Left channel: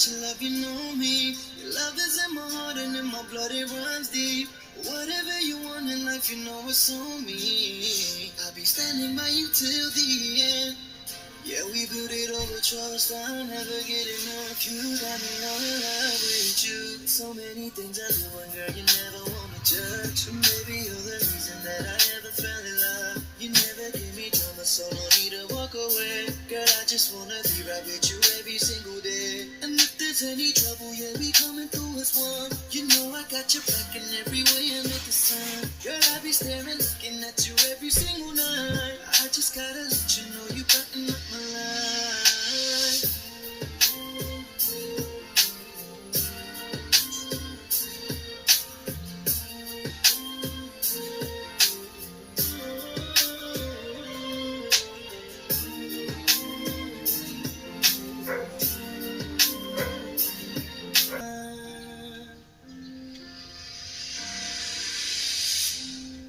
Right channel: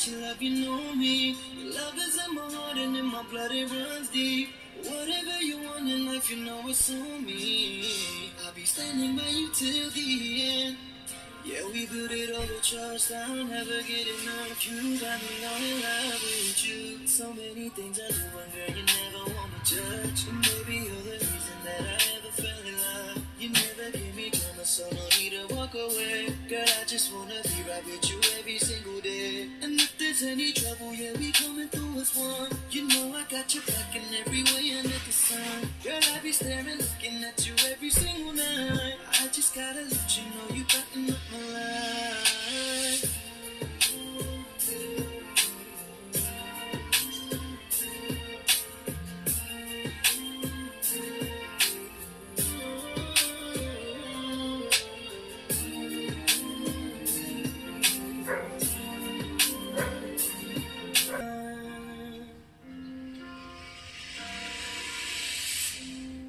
that you love, you know me. Your love is in my heart and in my blood, it runs deep. Whatever you want in life, you know it's on me. I'll be standing by you till the end. Yeah, we built it over trust, I'll never get enough. You got me all in love with you. So many things I do, and girl, you never want me judge. And maybe you're the reason that I ever fell in love. You never give me drama, so no need to walk away. Girl, I just wanna be right with you every single day. And if there's any trouble, yeah, we coming through as one. You know I got your back in every way under the sun. Girl, I be staring, looking at you every single night. I just gotta let you know you brighten up my life.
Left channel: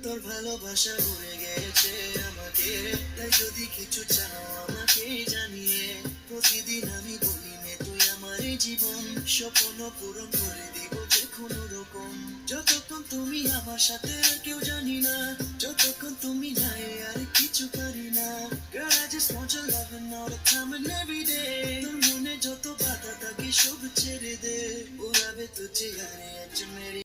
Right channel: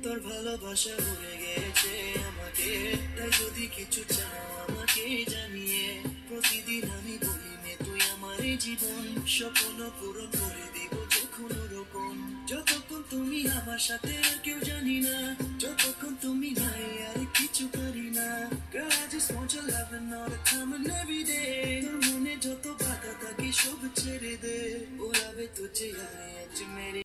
তোর ভালোবাসা উড়ে গেছে আমাকে, তাই যদি কিছু চাও আমাকে জানিয়ে। প্রতিদিন আমি বলি নে তুই আমার এই জীবন, স্বপ্ন পূরণ করে দিব যে কোনো রকম। যতক্ষণ তুমি আমার সাথে আর কেউ জানি না, যতক্ষণ তুমি নাই আর কিছু পারি না। Girl, I just want your loving all the time and every day. তোর মনে যত বাধা থাকে সব ছেড়ে দে, ওরাবে তো চেহারে